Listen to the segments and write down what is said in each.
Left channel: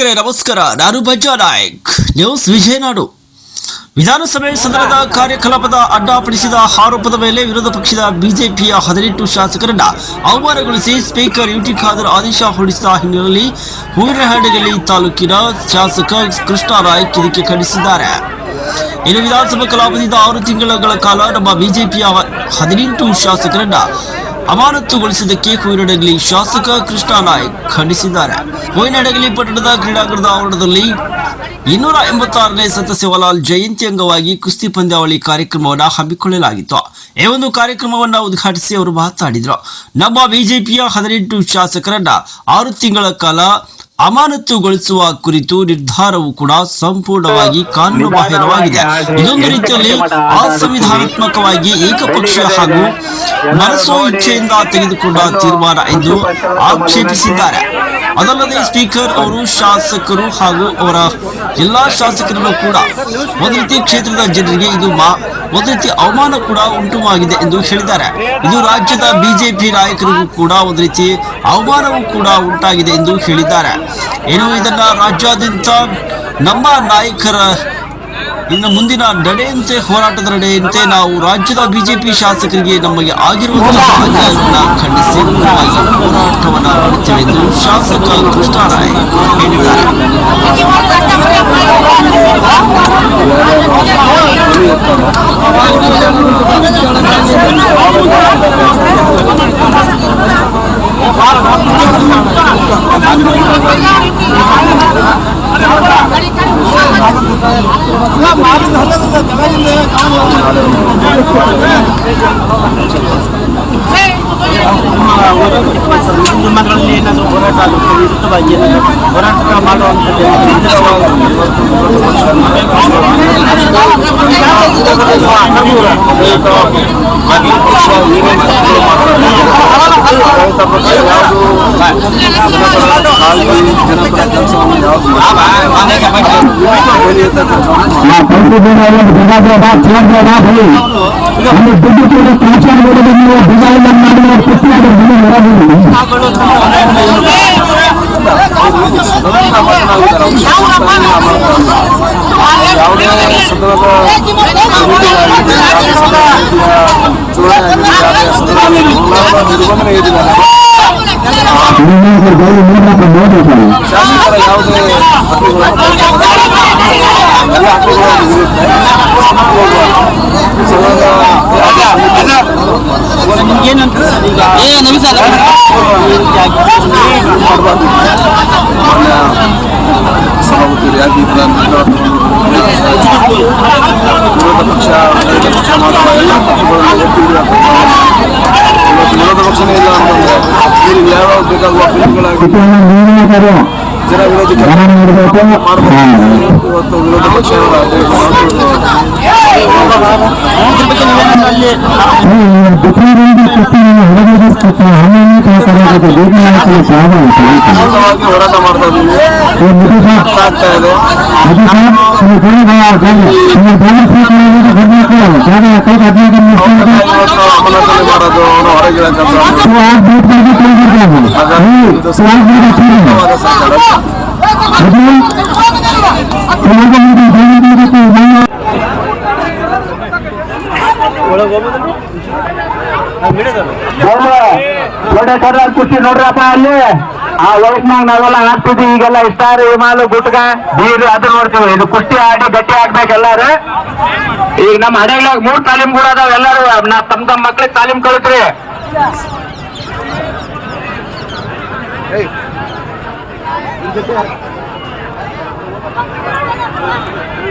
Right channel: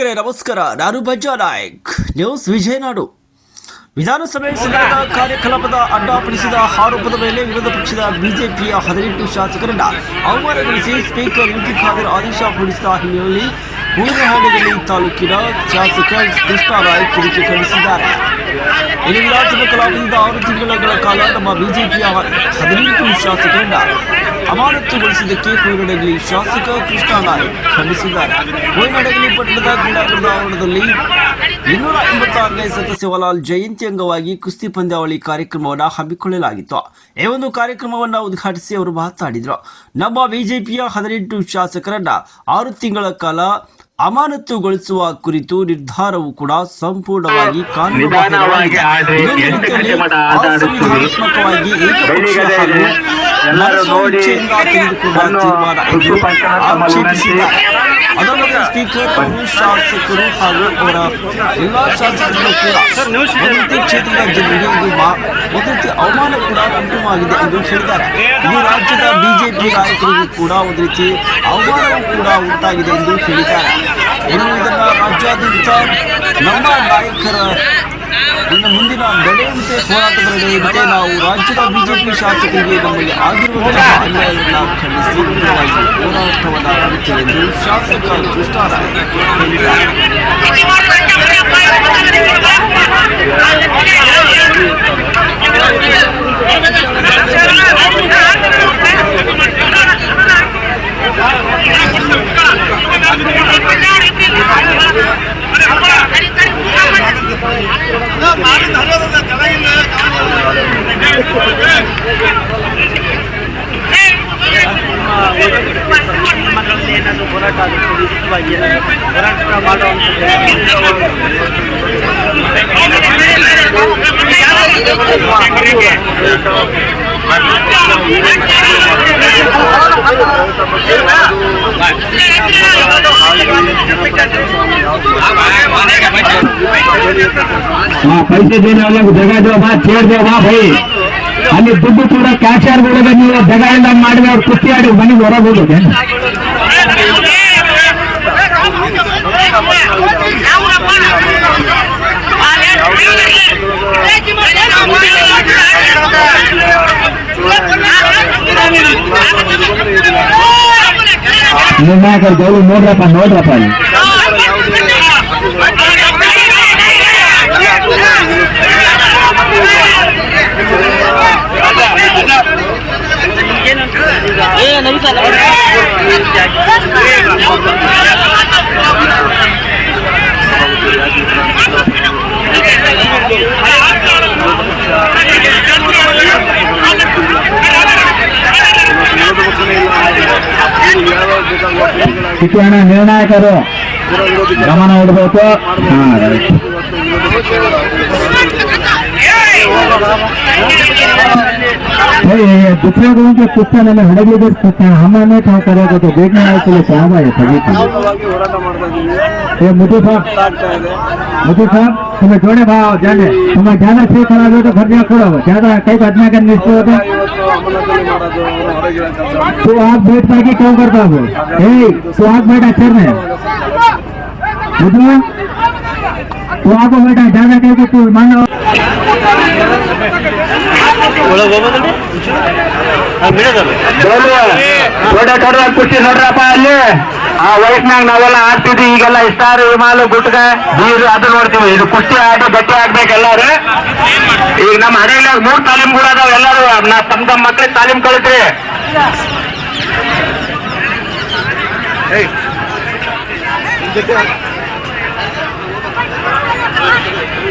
ವೀಕ್ಷಕರೇ ನಮಸ್ಕಾರ. ನಾನು ಭಜ್ಜಾ ನಾಯಕ್. ನ್ಯೂಸ್ ವಿಜಯನಾಡು. ವಿಧಾನಸಭೆ ಸದನದ ಕಾರ್ಯಕಲಾಪದ ಅಡ್ಡಾಪಡಿಸಿದ ಆರೋಪದ ಮೇಲೆ ವಿರೋಧ ಪಕ್ಷದ ಬಿಜೆಪಿಯ ಹದಿನೆಂಟು ಶಾಸಕರನ್ನ ಅವಮಾನಗೊಳಿಸಿ ಸ್ಪೀಕರ್ ಯುಟಿ ಖಾದರ್ ಆದೇಶ ಹೊರಡಿಸಿದ ಹಿನ್ನೆಲೆಯಲ್ಲಿ ಹೂವಿನಹಳ್ಳಿಗಲ್ಲಿ ತಾಲೂಕಿನ ಶಾಸಕ ಕೃಷ್ಣ ರಾಯ್ ಕಿರಿಕೆ ಖಂಡಿಸಿದ್ದಾರೆ. ಇನ್ನು ವಿಧಾನಸಭಾ ಕಲಾಪದಿಂದ ಆರು ತಿಂಗಳ ಕಾಲ ನಮ್ಮ ಬಿಜೆಪಿಯ ಹದಿನೆಂಟು ಶಾಸಕರನ್ನ ಅಮಾನತುಗೊಳಿಸಿದ್ದಕ್ಕೆ ಕೊಯ್ನಡಗಲಿ ಶಾಸಕ ಕೃಷ್ಣ ನಾಯ್ಕ್ ಖಂಡಿಸಿದ್ದಾರೆ. ಕೊಯ್ನಡಗಲಿ ಪಟ್ಟಣದ ಕ್ರೀಡಾಂಗಣದ ಆವರಣದಲ್ಲಿ ಇನ್ನೂರ ಎಂಬತ್ತಾರನೇ ಸಂತ ಶಿವಲಾಲ್ ಜಯಂತಿ ಅಂಗವಾಗಿ ಕುಸ್ತಿ ಪಂದ್ಯಾವಳಿ ಕಾರ್ಯಕ್ರಮವನ್ನು ಹಮ್ಮಿಕೊಳ್ಳಲಾಗಿತ್ತು. ಈ ಒಂದು ಕಾರ್ಯಕ್ರಮವನ್ನು ಉದ್ಘಾಟಿಸಿ ಅವರು ಮಾತನಾಡಿದರು. ನಮ್ಮ ಬಿಜೆಪಿಯ ಹದಿನೆಂಟು ಶಾಸಕರನ್ನ ಆರು ತಿಂಗಳ ಕಾಲ ಅಮಾನತುಗೊಳಿಸುವ ಕುರಿತು ನಿರ್ಧಾರವು ಕೂಡ ಸಂಪೂರ್ಣವಾಗಿ ಕಾನೂನು ಬಾಹಿರವಾಗಿದೆ. ಇದೊಂದು ರೀತಿಯಲ್ಲಿ ಅಸಂವಿಧಾನಾತ್ಮಕವಾಗಿ ಏಕಪಕ್ಷ ಹಾಗೂ ಮನಸ್ಸು ಇಚ್ಛೆಯಿಂದ ತೆಗೆದುಕೊಂಡ ತೀರ್ಮಾನ ಎಂದು ಆಕ್ಷೇಪಿಸಿದ್ದಾರೆ. ಅದಲ್ಲದೆ ಸ್ಪೀಕರ್ ಅವರು ಶಾಸಕರು ಹಾಗೂ ಅವರ ಎಲ್ಲಾ ಶಾಸಕರನ್ನು ಕೂಡ ಒಂದು ರೀತಿ ಕ್ಷೇತ್ರದ ಜನರಿಗೆ ಇದು ಒಂದು ರೀತಿ ಅವಮಾನ ಕೂಡ ಉಂಟುವಾಗಿದೆ ಎಂದು ಹೇಳಿದ್ದಾರೆ. ಇದು ರಾಜ್ಯದ ಬಿಜೆಪಿ ನಾಯಕರಿಗೂ ಕೂಡ ಒಂದು ರೀತಿ ಅವಮಾನವೂ ಕೂಡ ಉಂಟಾಗಿದೆ ಎಂದು ಹೇಳಿದ್ದಾರೆ. ಏನು ಇದನ್ನು ರಾಜ್ಯಾದ್ಯಂತ ನಮ್ಮ ನಾಯಕರ ಇನ್ನು ಮುಂದಿನ ನಡೆಯಂತೆ ಹೋರಾಟದ ನಡೆಯಂತೆ ನಾವು ರಾಜ್ಯದ ಬಿಜೆಪಿ ಶಾಸಕರಿಗೆ ನಮಗೆ ಆಗಿರುವಂತಹ ಅನ್ಯಾಯವನ್ನು ಖಂಡಿಸಿ ಉಗ್ರವಾಗಿ ಹೋರಾಟವನ್ನು ಮಾಡುತ್ತೇವೆ ಎಂದು ಶಾಸಕ ಕೃಷ್ಣರಾಯ್ ಹೇಳಿದ್ದಾರೆ. Nah, presiden yang berjaga-jaga, ಅಲ್ಲಿ ದುಡ್ಡು ಕೂಡ ಕ್ಯಾಶ್ ಆಗ್ಬಿಡಿದ್ರೆ ನೀವು ಬೇಗ ಇಲ್ಲ ಮಾಡಿ ಅವ್ರು ಕುಸ್ತಿ ಆಡಿ ಮನೆಗೆ ಹೊರಬಿಡಿ ನಿರ್ಣಾಯಕರು ಗೌರಿ ನೋಡ್ರಪ್ಪ ನೋಡ್ರಪ್ಪ. ವಿರೋಧ ಪಕ್ಷನೇ ಇಲ್ಲ ಅಂತಂದ್ರೆ ಯಾವ್ಯಾವ ಬೇಕಾಗುವ ನಿರ್ಣಾಯಕರು ಜನ ವಿರೋಧಿ ಗಮನ ಇಡಬೇಕು ಇವತ್ತು ವಿರೋಧ ಪಕ್ಷಗಳ ہم نے کہا کردمی ہو رہی تو آج بیٹھ پر بھی گھر جا رہا تو آج بیٹا چھوڑی تو ನೋಡಿ ಖುಷಿ ನೋಡ್ರಪ್ಪ ಅಲ್ಲಿ. ಆ ವಯಸ್ಸಿನಾಗ ನಾವೆಲ್ಲ ಆಡ್ತಿದ್ವಿ ಈಗೆಲ್ಲ ಇಷ್ಟಾರು ವಿಮಾಲು ಗುಟ್ಗ ಬೀರು ಅದು ನೋಡ್ತೀವಿ. ಇದು ಕುಸ್ತಿ ಆಡಿ ಗಟ್ಟಿ ಆಗ್ಬೇಕು ಎಲ್ಲಾರು. ಈಗ ನಮ್ಮ ಹಡಗ್ನಾಗ ಮೂರು ತಾಲೀಮ್ ಕೂಡ ಅದಾವ ಎಲ್ಲಾರು. ನಾ ತಮ್ಮ ತಮ್ಮ ಮಕ್ಳಿಗೆ ತಾಲೀಮ್ ಕಳಿತ್ರಿ. ಏಯ್.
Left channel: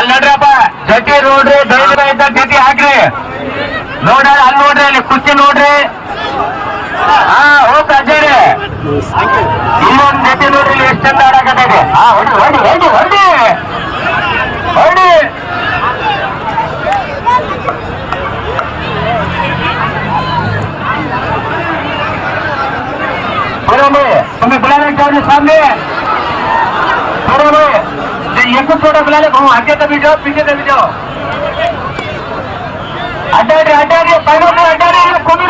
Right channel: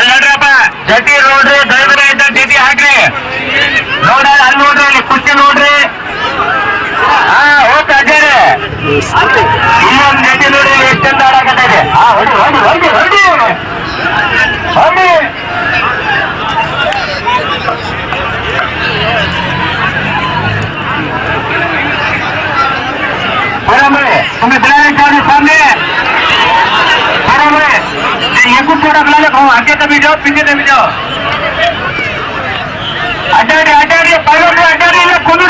ಅಲ್ಲಿ ನೋಡ್ರಪ್ಪ ಜೊತೆ ನೋಡ್ರಿ, ದೈವರ ಇದ್ದ ಡಿಟಿ ಹಾಕ್ರಿ. ನೋಡ್ರಿ, ಅಲ್ಲಿ ನೋಡ್ರಿ, ಅಲ್ಲಿ ಕುರ್ಚಿ ನೋಡ್ರಿ. ಹಾ, ಹೋಗ್ತಾ ಇದ್ದಾರೆ. ಇನ್ನೊಂದು ಜೊತೆ ನೋಡ್ರಿ ಎಷ್ಟು ಚಂದ ಆಡಕತ್ತಿದೆ ಹಾ ಹೊಡಿ ಹೊಡಿ ಹೊಡಿ ಹೊಡಿ ಹೊಡಿ ಬರಮ್ಮ, ಸ್ವಾಮಿ ಬಿಲಾರಿ ಸ್ವಾಮಿ. بو پوڈا اڈا پہ اٹاری لگ جتی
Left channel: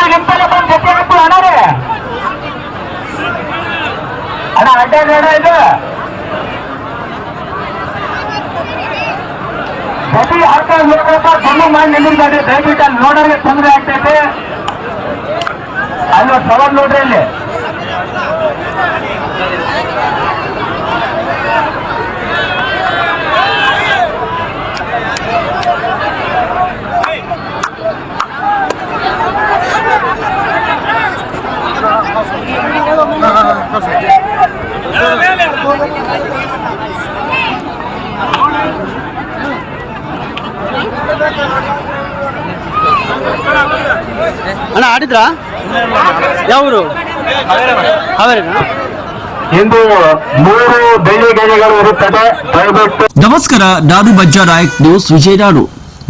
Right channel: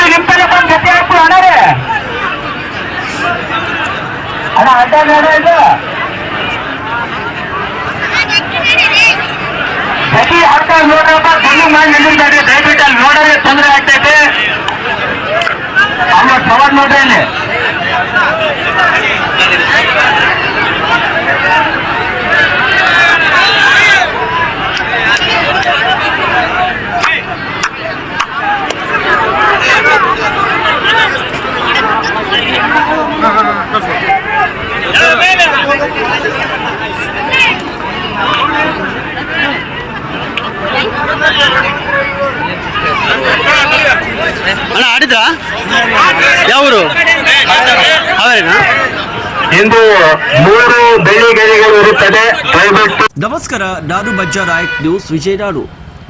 ہوں جتی ہوں دہیٹر ترے آپ بڑا نوڈر ಅಣ್ಣ ಆಡಿದ್ರಾ? ಯಾವರು? ಅವರೇನಾ ಇಂದು ಮೂರು ಬೆಳ್ಳಿ ಗೆರೆಗಳು ಇರುತ್ತದೆ. ದಯವಿಟ್ಟು ನಮಸ್ಕಾರ ನಾನು ಬಜ್ಜಾ ನಾಯಕ್ ನ್ಯೂಸ್ ವಿಜಯನಾಡು.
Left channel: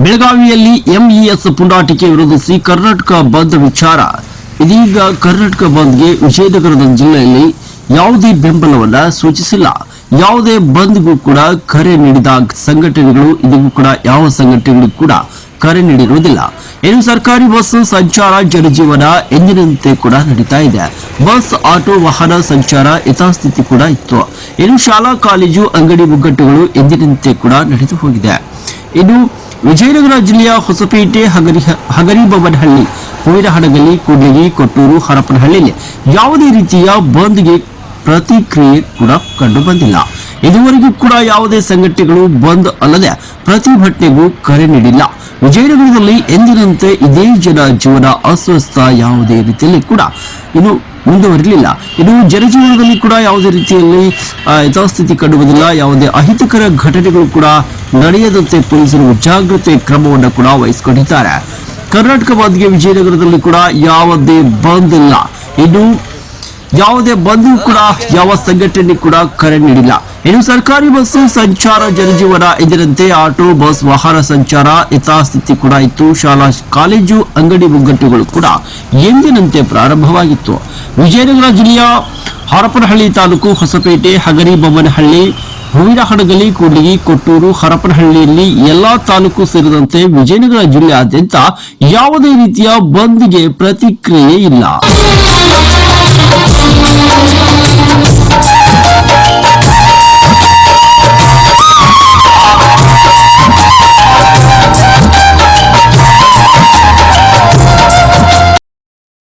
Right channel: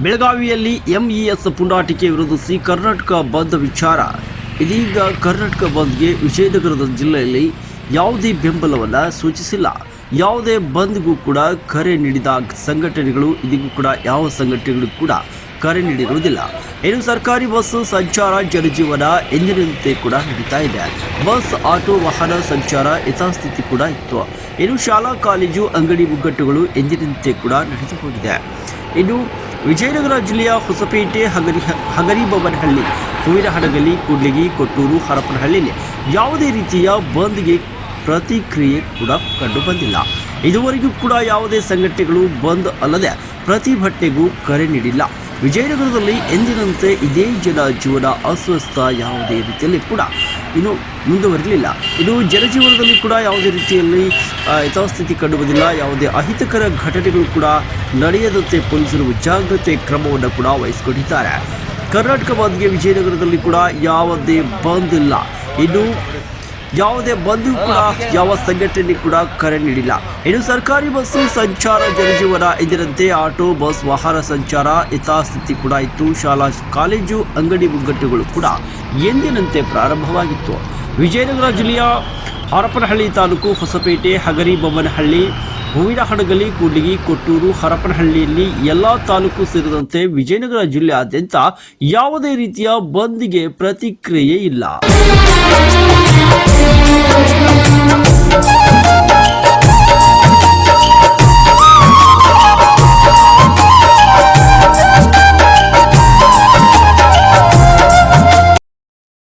ಬೆಳಗಾವಿಯಲ್ಲಿ ಎಂಇಎಸ್ ಪುಂಡಾಟಿಕೆ ವಿರೋಧಿಸಿ ಕರ್ನಾಟಕ ಬಂದ್ ವಿಚಾರ. ಇದೀಗ ಕರ್ನಾಟಕ ಬಂದ್ಗೆ ವಿಜಯನಗರದ ಜಿಲ್ಲೆಯಲ್ಲಿ ಯಾವುದೇ ಬೆಂಬಲವನ್ನ ಸೂಚಿಸಿಲ್ಲ. ಯಾವುದೇ ಬಂದ್ಗೂ ಕೂಡ ಕರೆ ನೀಡಿದ ಸಂಘಟನೆಗಳು ಇದೀಗೂ ಕೂಡ ಯಾವ ಸಂಘಟನೆಗಳು ಕೂಡ ಕರೆ ನೀಡಿರುವುದಿಲ್ಲ. ಇನ್ನು ಸರ್ಕಾರಿ ಬಸ್ ಸಂಚಾರ ಜನಜೀವನ ಎಂದಿನಂತೆ ಕೂಡ ನಡೀತಾ ಇದೆ. ಬಸ್, ಆಟೋ, ವಾಹನ ಸಂಚಾರ ಯಥಾಸ್ಥಿತಿ ಕೂಡ ಇತ್ತು. ಇನ್ನು ಶಾಲಾ, ಕಾಲೇಜು, ಅಂಗಡಿ ಮುಗ್ಗಟ್ಟುಗಳು ಎಂದಿನಂತೆ ಕೂಡ ನಡೆದು ಹೋಗಿದೆ. ಇನ್ನು ವಿಜಯನಗರ ಜಿಲ್ಲೆಯ ಹೊಸಪೇಟೆ, ಹಗರಿ ಹಗರಿಬೊಮ್ಮನಹಳ್ಳಿ ಹೂವಿನಹಡಗಲಿ ಕೂಡ್ಲಿಗಿ, ಕೊಟ್ಟೂರು, ಹರಪನಹಳ್ಳಿಯಲ್ಲಿ ಯಾವುದೇ ರೀತಿಯ ಬಂದ್ಗೆ ಪ್ರತಿಕ್ರಿಯೆ ಕೂಡ ಕಂಡು ಬಂದಿಲ್ಲ. ಇದುವರೆಗೂ ಕೂಡ ಯಾವುದೇ ಸಂಘಟನೆಗಳು ಬಂದ್ ಅಲ್ಲದೆ ಪ್ರತಿಭಟನೆಗೂ ಕರೆ ನೀಡಿಲ್ಲ. ವಿಜಯನಗರದಲ್ಲಿ ಎಂದಿನಂತೆ ಇದೇ ಜನ ಜೀವನ ಅಸ್ವಸ್ಥ ಯಾವುದೇ ರೀತಿಯಲ್ಲಿ ಕೂಡ ಇನ್ನು ಮುಂದುವರಿಲಿಲ್ಲ. ಇನ್ನು ಜನಜೀವನದಲ್ಲಿ ಕೂಡ ಯಾವುದೇ ರೀತಿಯಲ್ಲಿ ಯಥಾಸ್ಥಿತಿ ಕಂಡು ಬಂದಿಲ್ಲ ಯಾವುದೇ ಅಹಿತಕರ ಘಟನೆಗಳು ಕೂಡ ನಡೆಯದಂತೆ ಪೊಲೀಸರು ಜಾಗ್ರತೆ ಕ್ರಮವನ್ನು ಕೂಡ ವಹಿಸಿಕೊಂಡಿದ್ದಾರೆ. ಕರ್ನಾಟಕ ವಿಜಯನಗರದಲ್ಲಿ ಕೂಡ ಯಾವುದೇ ಬಂದ್ ಇಲ್ಲ. ಇನ್ನು ಯಾವುದೇ ಬಂದು ಕೂಡ ಯಾವ ಸಂಘಟನೆ ಕೂಡ ಕರೆ ನೀಡಿಲ್ಲ. ಇನ್ನು ಸರ್ಕಾರಿ ಬಸ್ಸು ಸಂಚಾರ ಜನಜೀವನ ಎಂದಿನಂತೆ ಆಟೋ, ಬಸ್, ವಾಹನ ಸಂಚಾರ ಯಥಾಸ್ಥಿತಿ ಕೂಡ ಇತ್ತು. ಶಾಲಾ, ಕಾಲೇಜು, ಅಂಗಡಿ ಮುಗ್ಗಟ್ಟುಗಳು ಕೂಡ ಎಂದಿನಂತೆ ಪ್ರಾರಂಭವಾಗಿತ್ತು. ವಿಜಯನಗರ ಜಿಲ್ಲೆಯ ಹರಪನಹಳ್ಳಿ ತಾಲೂಕು ಹೊಸಪೇಟೆ ಹಗರಿಬೊಮ್ಮನಹಳ್ಳಿ ಹೂವಿನ ಹಡಗಲಿ ಕೂಡ್ಲಿಗಿ, ಕೊಟ್ಟೂರು, ಹರಪನಹಳ್ಳಿಯಲ್ಲಿ ಎಲ್ಲಾ ತಾಲೂಕು ಸೇರಿದಂತೆ ವಿಜಯನಗರ ಜಿಲ್ಲೆಯಾದ್ಯಂತ ಯಾವುದೇ ರೀತಿಯ ಬಂದ್ಗೆ ಪ್ರತಿಕ್ರಿಯೆ ಇಲ್ಲ.